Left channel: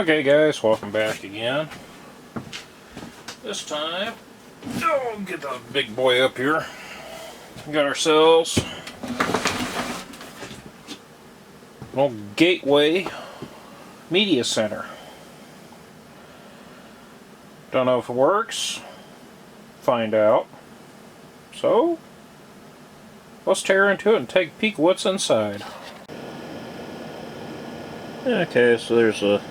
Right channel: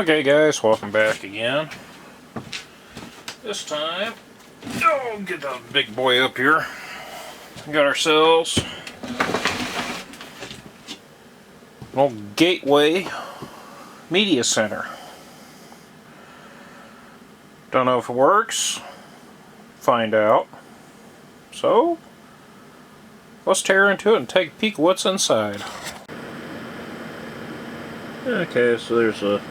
Okay guys, welcome back again. This time, get the big boy up here. We got ourselves an old Gateway Media Center. Don't know if it works. Find out. So, let's tear into it and take a peek at what's inside. Okay, so there's a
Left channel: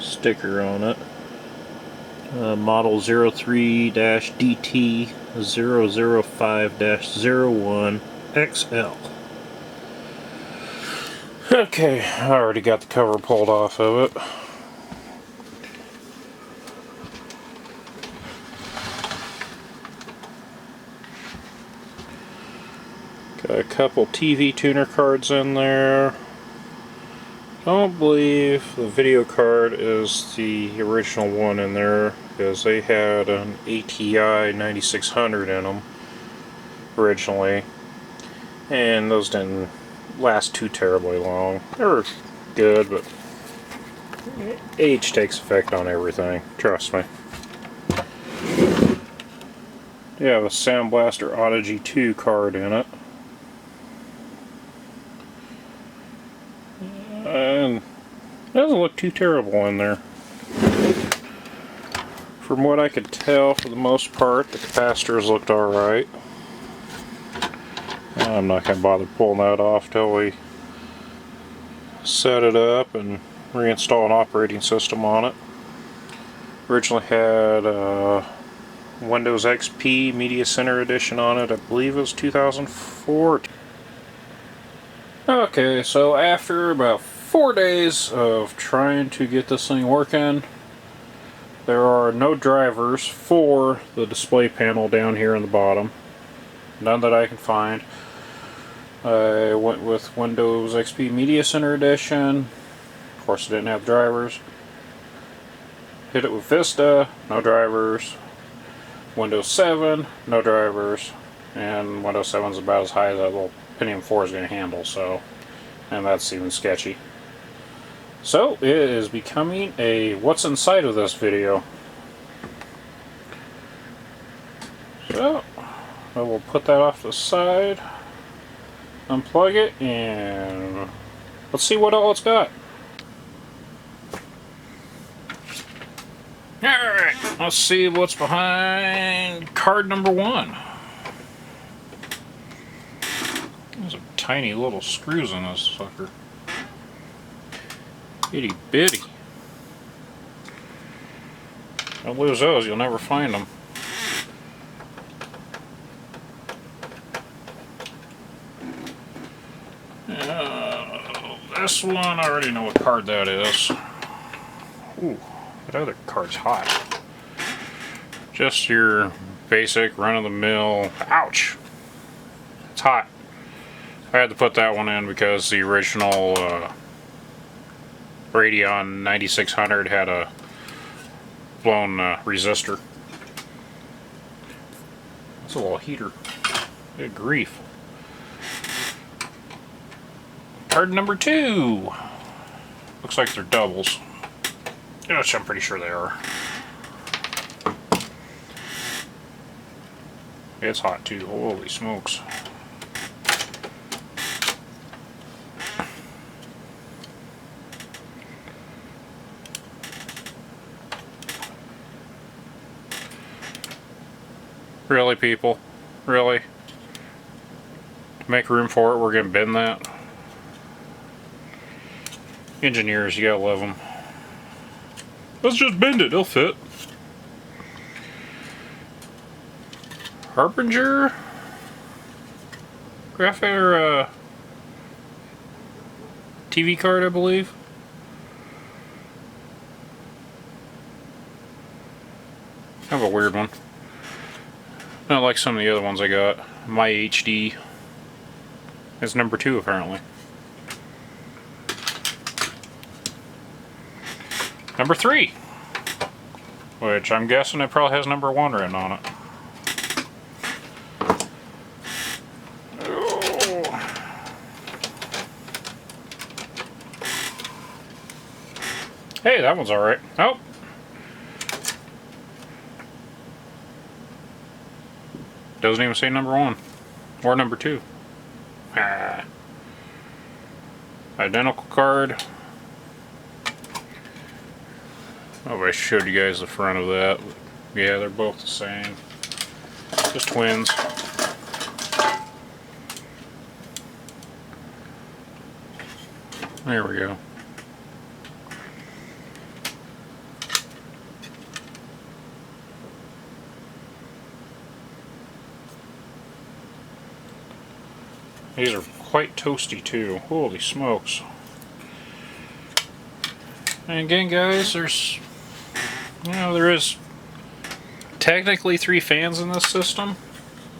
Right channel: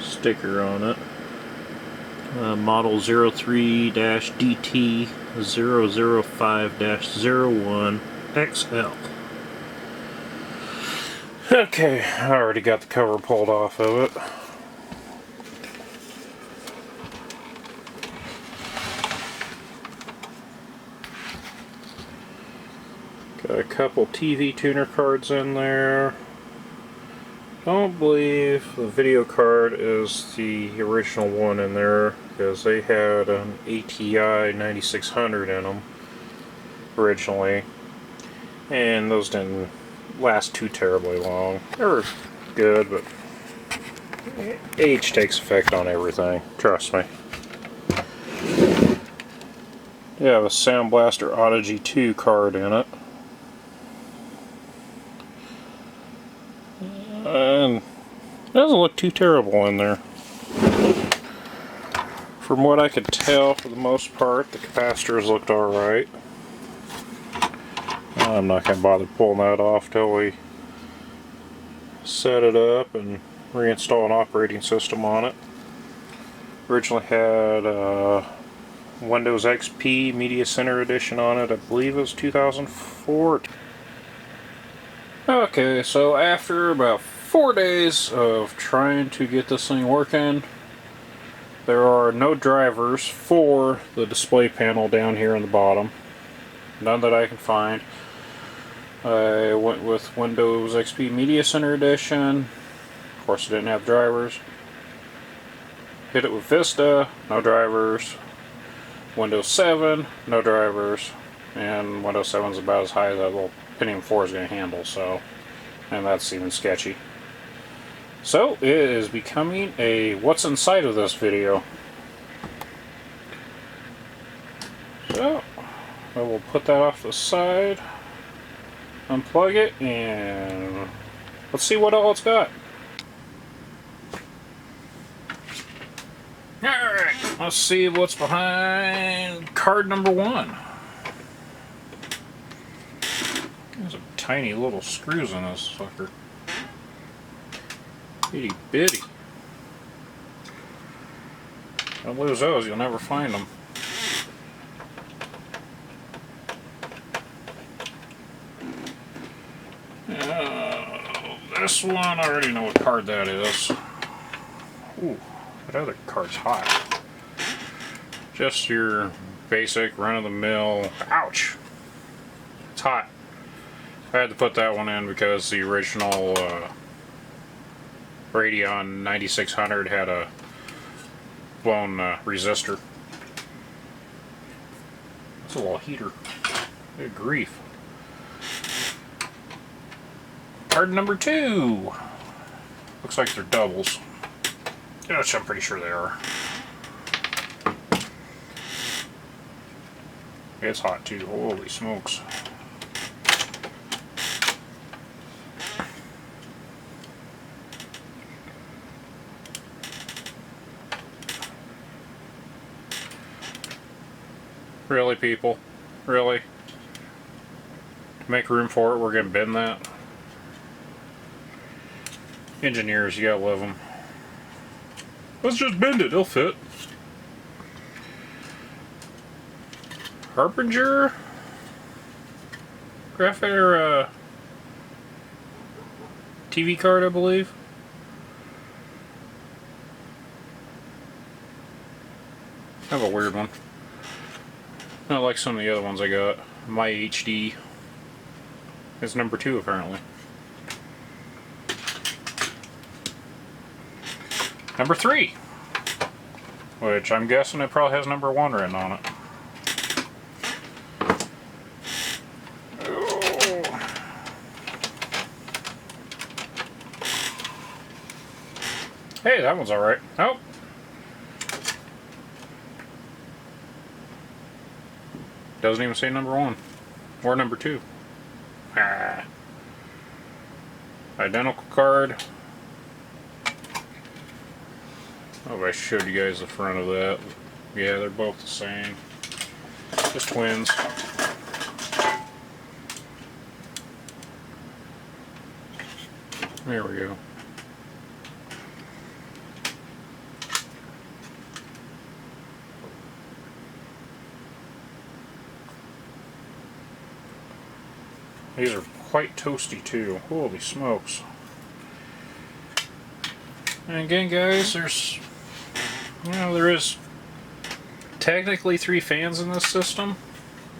sticker on it. Model 03-DT005-01XL. Okay, I already got the cover pulled off of it. Got a couple TV tuner cards in there. Don't believe the video card is the original one in there, because they had an ATI 9600 in them originally, and those didn't last too terribly long. They were good, but age takes effect on everything, trust me. You have a Sound Blaster Audigy 2 card in it. And it doesn't look too terrible in there. From what I could tell, for the most part, the capacitors looked alright. I'm not going to bother pulling that off till we set it up and reinstall an operating system on it. Originally had Windows XP Media Center Edition on it. I believe it was 2004. Okay, so after about 4 days of trying to get this thing working, there are no drivers for the display panel down here on the bottom. None that I can find. I went with Windows XP Media Center Edition. Of course, it didn't have drivers. Hit it with Vista, no drivers. Windows 7, no drivers. And Windows 7 is about as high as that little Pentium 4 is going to handle, so, and that's even sketchy. So it is becoming a what's inside of this video. So I will put that off to the side, unplug it, and let's see what all it's got. Alright, let's see what's behind card number 1. There's a tiny little screws in this sucker. Itty bitty. Don't lose those, you'll never find them. This one, I already know what card that is. Ooh, that other card's hot. Just your basic run-of-the-mill. Ouch! It's hot. I had to put that one in because the original Radeon 9600 had a blown resistor. That's a little heater. Good grief. Card number 2. Looks like they're doubles. Which I'm pretty sure they are. It's hot too. Holy smokes. Really, people? Really? To make room for it, we're going to bend that? Engineers, you gotta love them. Let's just bend it, it'll fit. Harbinger? Graphic TV card, I believe. Kind of a weird one. Not like some of the other ones I got. My HD is number 2 apparently. Number 3, which I'm guessing it probably has number 1 written on it. Hey, that one's alright. Oh. Doesn't even say number 1. Or number 2. Ah. Identical card. Oh, I showed you guys the front of that. Yeah, they're both the same. Just twins. There we go. These are quite toasty too. Holy smokes. And again, guys, there's, you know, there is technically 3 fans in this system,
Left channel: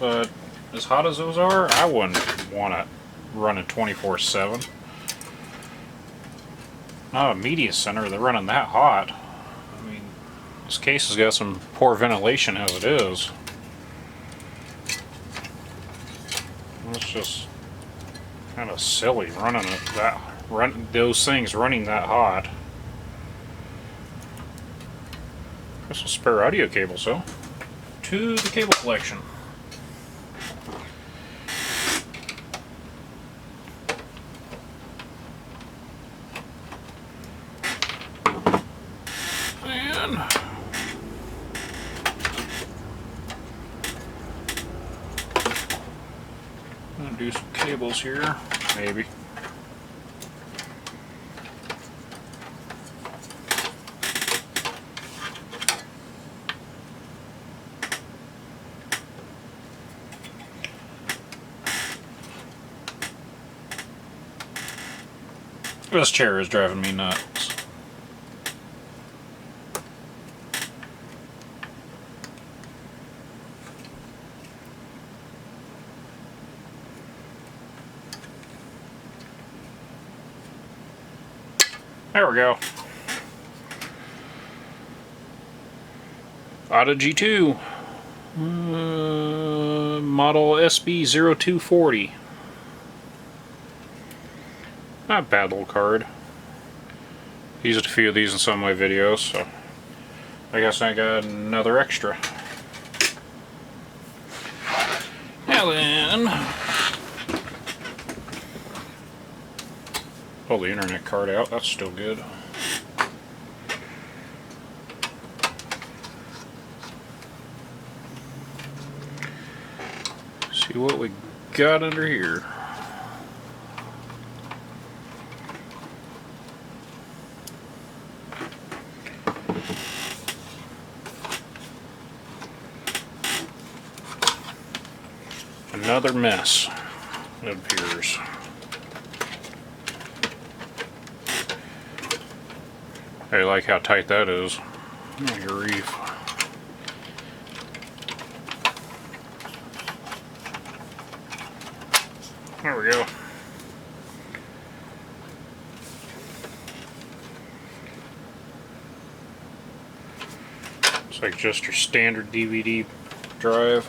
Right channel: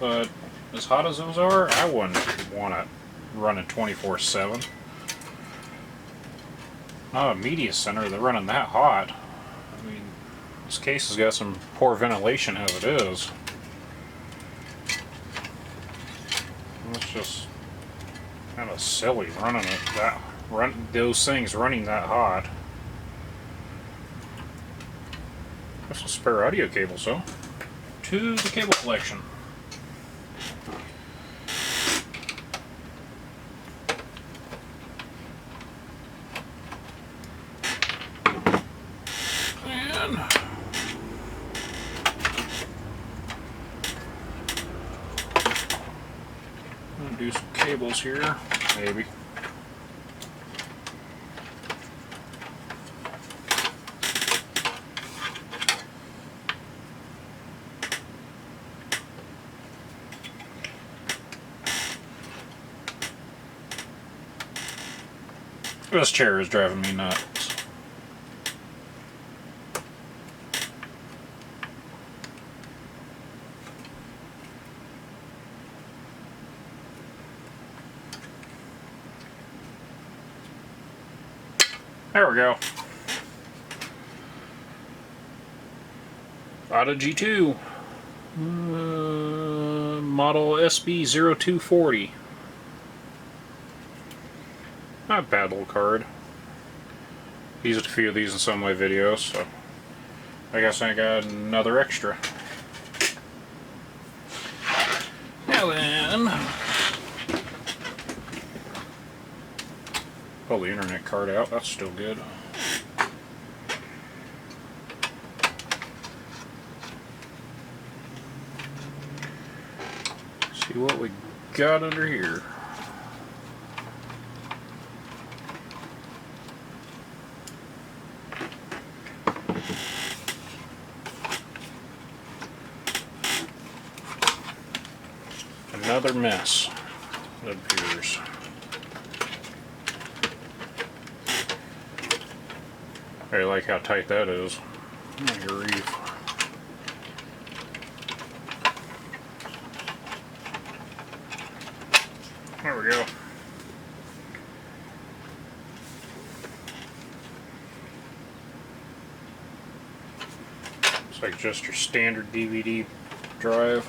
but as hot as those are, I wouldn't want to run it 24/7. Not a media center, they're running that hot. I mean, this case has got some poor ventilation as it is. It's just kind of silly running it that those things running that hot. There's some spare audio cables though. To the cable collection. And I'm gonna do some cables here, maybe. This chair is driving me nuts. There we go. Auto G2. Model SB0240. Not a bad little card. Used a few of these in some of my videos, so I guess I got another extra. Now then, pull the internet card out, that's still good. See what we got under here. Another mess, it appears. I like how tight that is. Grief. There we go. It's like just your standard DVD drive.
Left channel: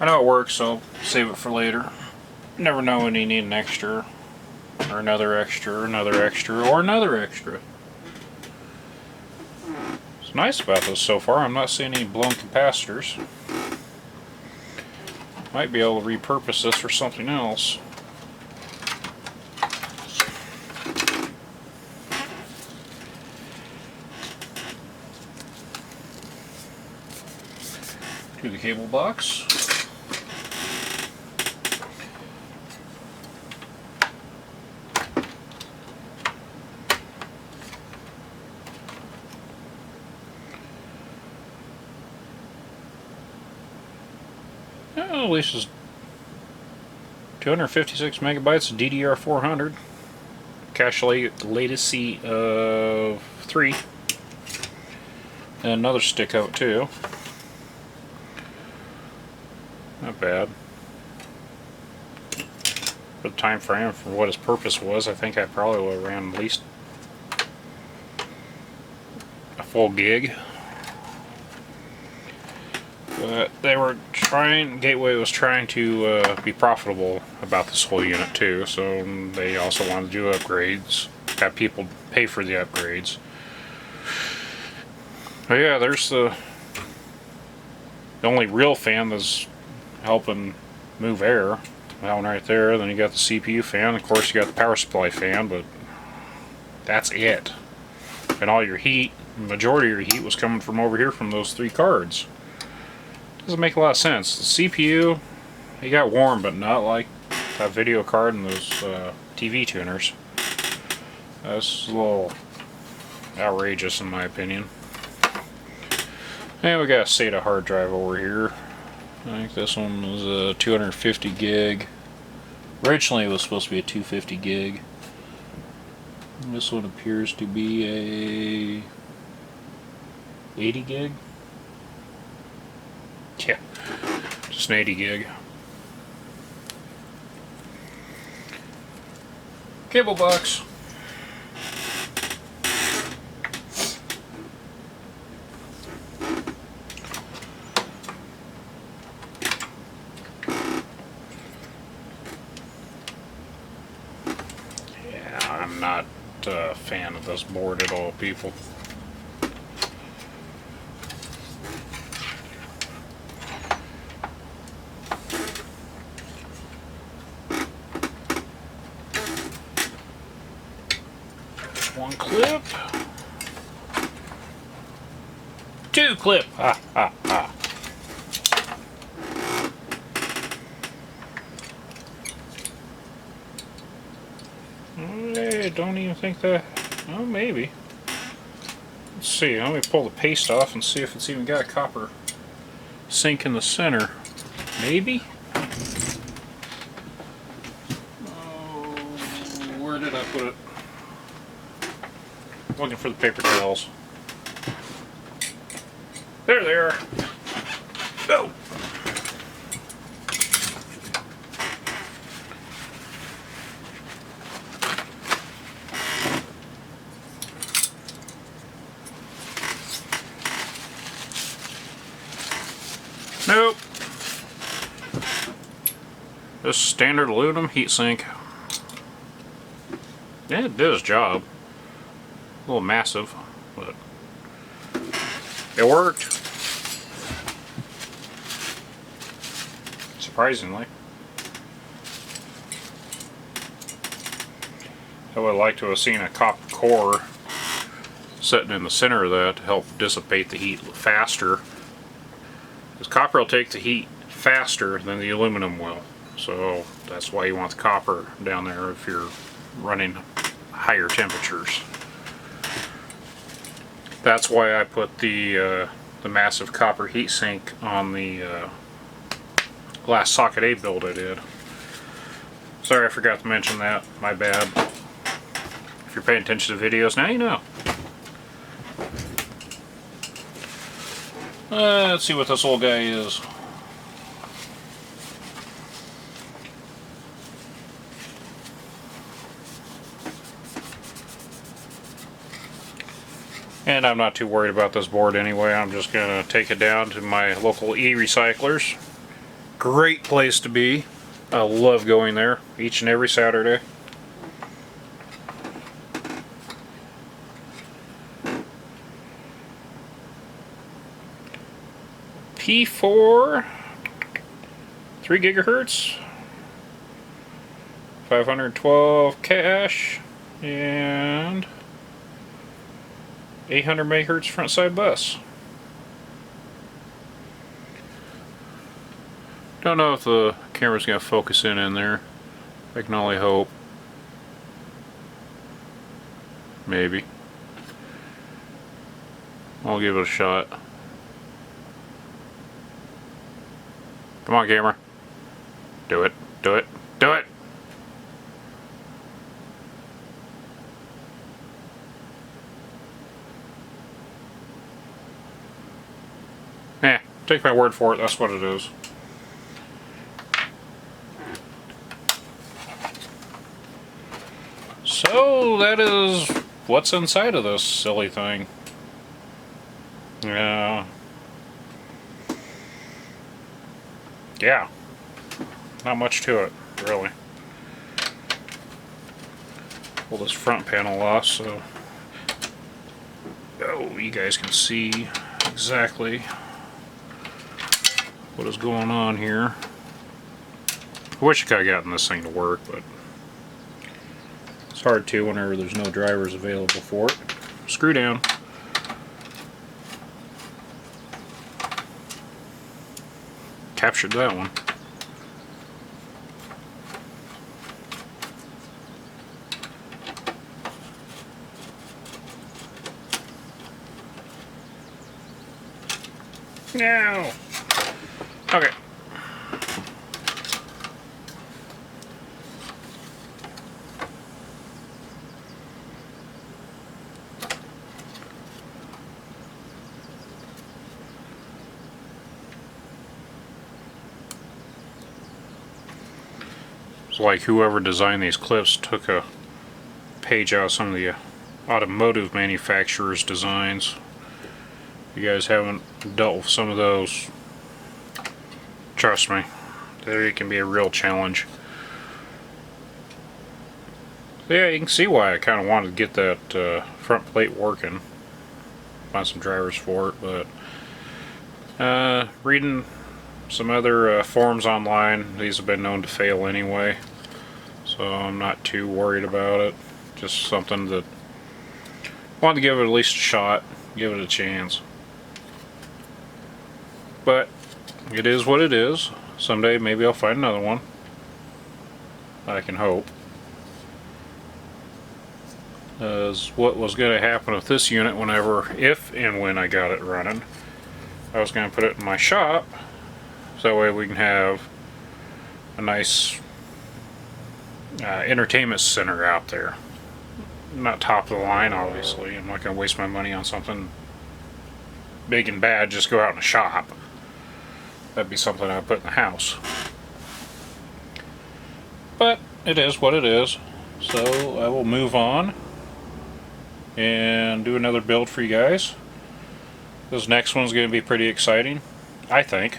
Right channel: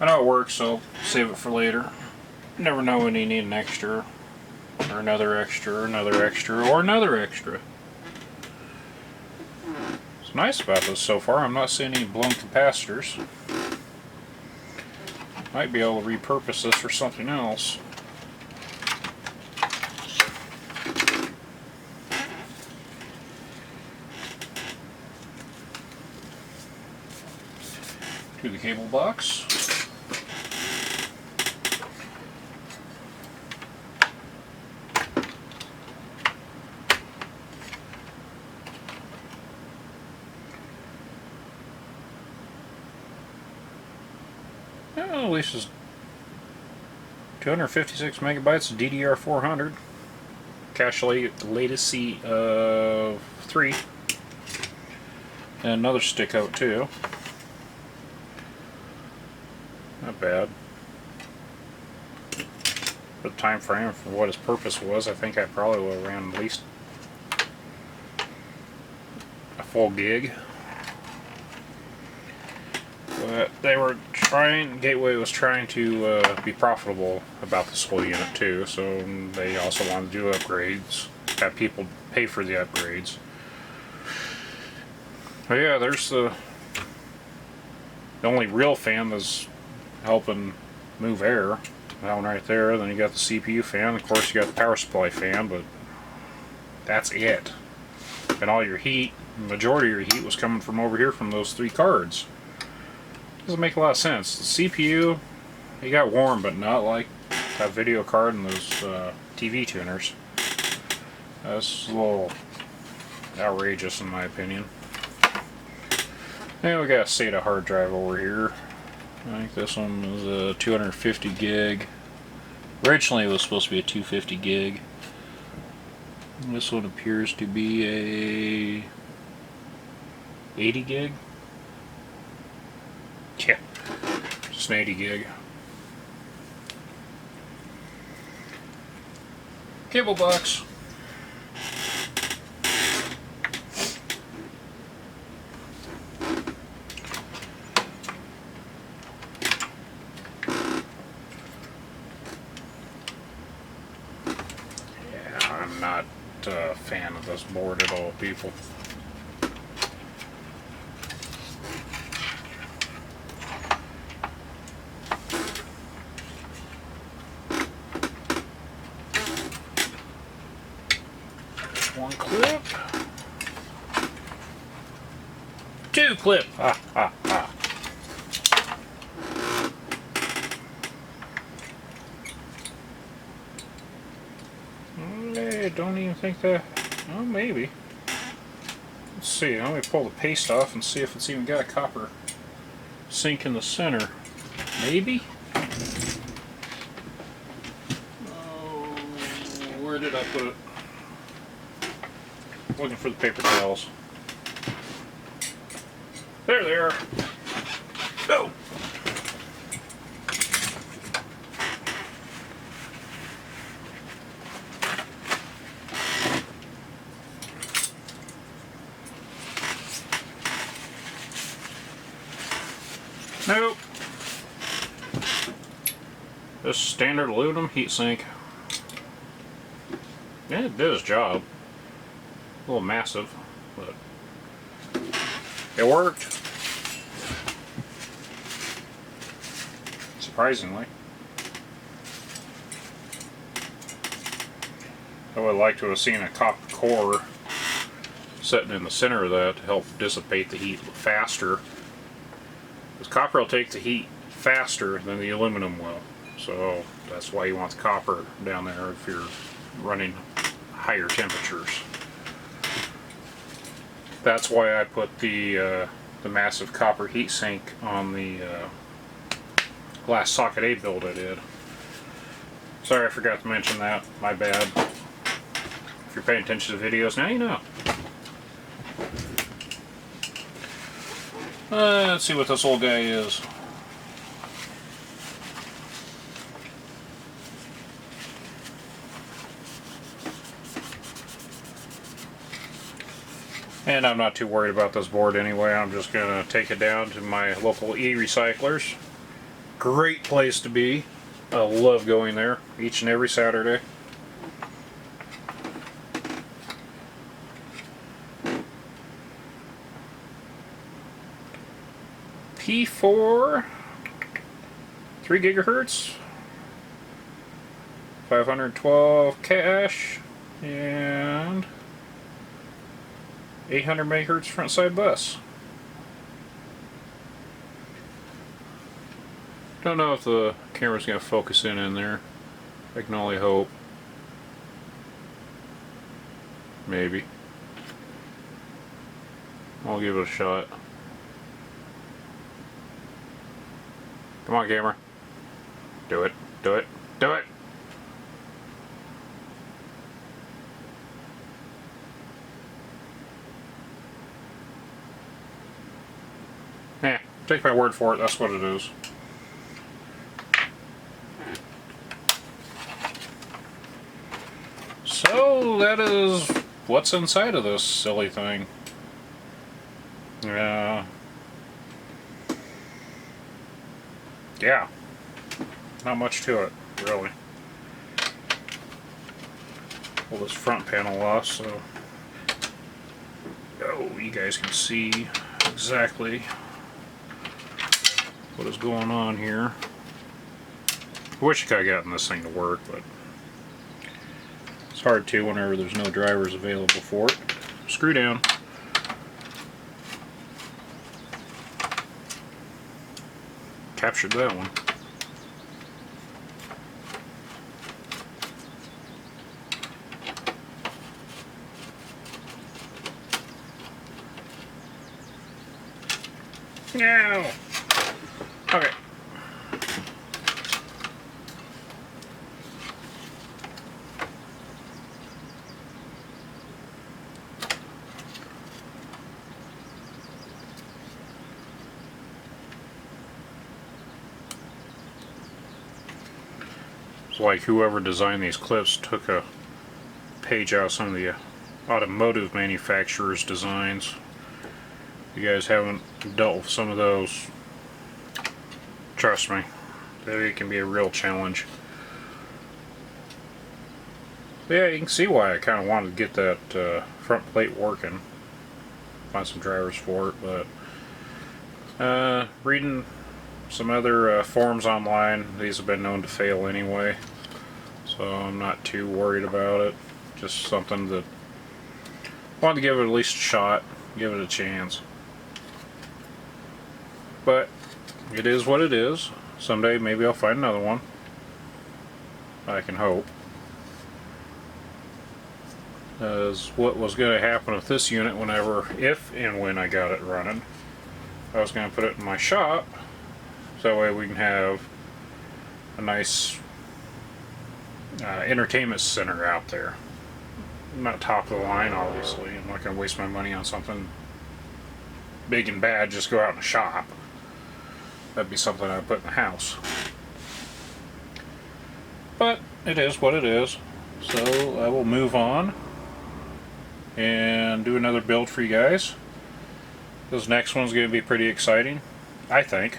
I know it works, so save it for later. Never know when you need an extra, or another extra, or another extra, or another extra. What's nice about this so far, I'm not seeing any blown capacitors. Might be able to repurpose this for something else. To the cable box. At least it's 256 megabytes of DDR400. Cache latency of 3. And another stick out too. Not bad. For the time frame, for what his purpose was, I think I probably would have ran at least a full gig. But they were trying, Gateway was trying to be profitable about this whole unit too, so they also wanted to do upgrades. have people pay for the upgrades. But yeah, there's the only real fan that's helping move air. That one right there. Then you got the CPU fan. Of course, you got the power supply fan, but that's it. And all your heat, the majority of your heat was coming from over here from those 3 cards. Doesn't make a lot of sense. The CPU, it got warm, but not like that video card and those TV tuners. That's a little outrageous in my opinion. And we got a SATA hard drive over here. I think this one was a 250 gig. Originally it was supposed to be a 250 gig. And this one appears to be a 80 gig. Yeah, just an 80 gig. Cable box. I'm not a fan of this board at all, people. One clip. 2 clip. Ha ha ha. I don't even think that. Well, maybe. Let's see. Let me pull the paste off and see if it's even got a copper sink in the center. Maybe? Oh, where did I put it? Looking for the paper towels. There they are. Go! Nope. Just standard aluminum heatsink. Yeah, it did its job. A little massive, but it worked. Surprisingly. I would like to have seen a copper core sitting in the center of that to help dissipate the heat faster. Because copper will take the heat faster than the aluminum will. So that's why you want the copper down there if you're running higher temperatures. That's why I put the massive copper heatsink on the last Socket A build I did. Sorry, I forgot to mention that. My bad. If you're paying attention to videos, now you know. Let's see what this old guy is. And I'm not too worried about this board anyway. I'm just going to take it down to my local e-recyclers. Great place to be. I love going there each and every Saturday. P4, 3 gigahertz, 512 cache, and 800 megahertz front side bus. Don't know if the camera's going to focus in there. I can only hope. Maybe. I'll give it a shot. Come on, camera. Do it. Do it. Do it! Eh, take my word for it, that's what it is. So, that is what's inside of this silly thing. Yeah, not much to it, really. pull this front panel off so you guys can see exactly what is going on here. I wish I could have gotten this thing to work, but it's hard to whenever there's no drivers available for it. Screw down. Captured that one. No. Okay. It's like whoever designed these clips took a page out of some of the automotive manufacturers' designs. If you guys haven't dealt with some of those, trust me, it can be a real challenge. But yeah, you can see why I kind of wanted to get that front plate working. Find some drivers for it, but reading some other forums online, these have been known to fail anyway, so I'm not too worried about it. Just something that I wanted to give it at least a shot, give it a chance. But it is what it is. Someday maybe I'll find another one. I can hope. As what was going to happen with this unit if and when I got it running, I was going to put it in my shop, so that way we can have a nice entertainment center out there. Not top of the line, obviously. I'm not going to waste my money on something big and bad, just go out in a shop. That'd be something I'd put in the house. But it is what it is. So I will move on and do another build for you guys. This next one's going to be pretty exciting, I think.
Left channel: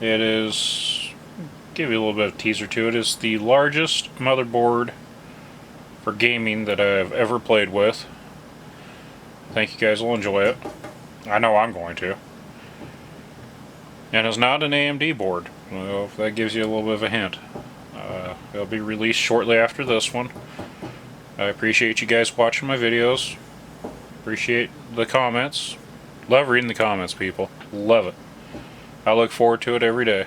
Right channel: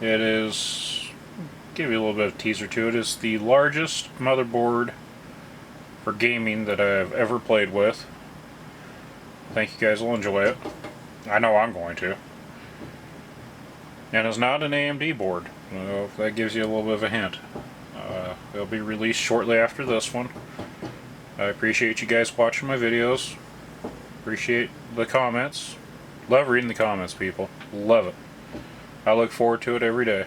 It is, give you a little bit of teaser to it, is the largest motherboard for gaming that I've ever played with. I think you guys will enjoy it. I know I'm going to. And it's not an AMD board. Well, that gives you a little bit of a hint. It'll be released shortly after this one. I appreciate you guys watching my videos. Appreciate the comments. Love reading the comments, people. Love it. I look forward to it every day.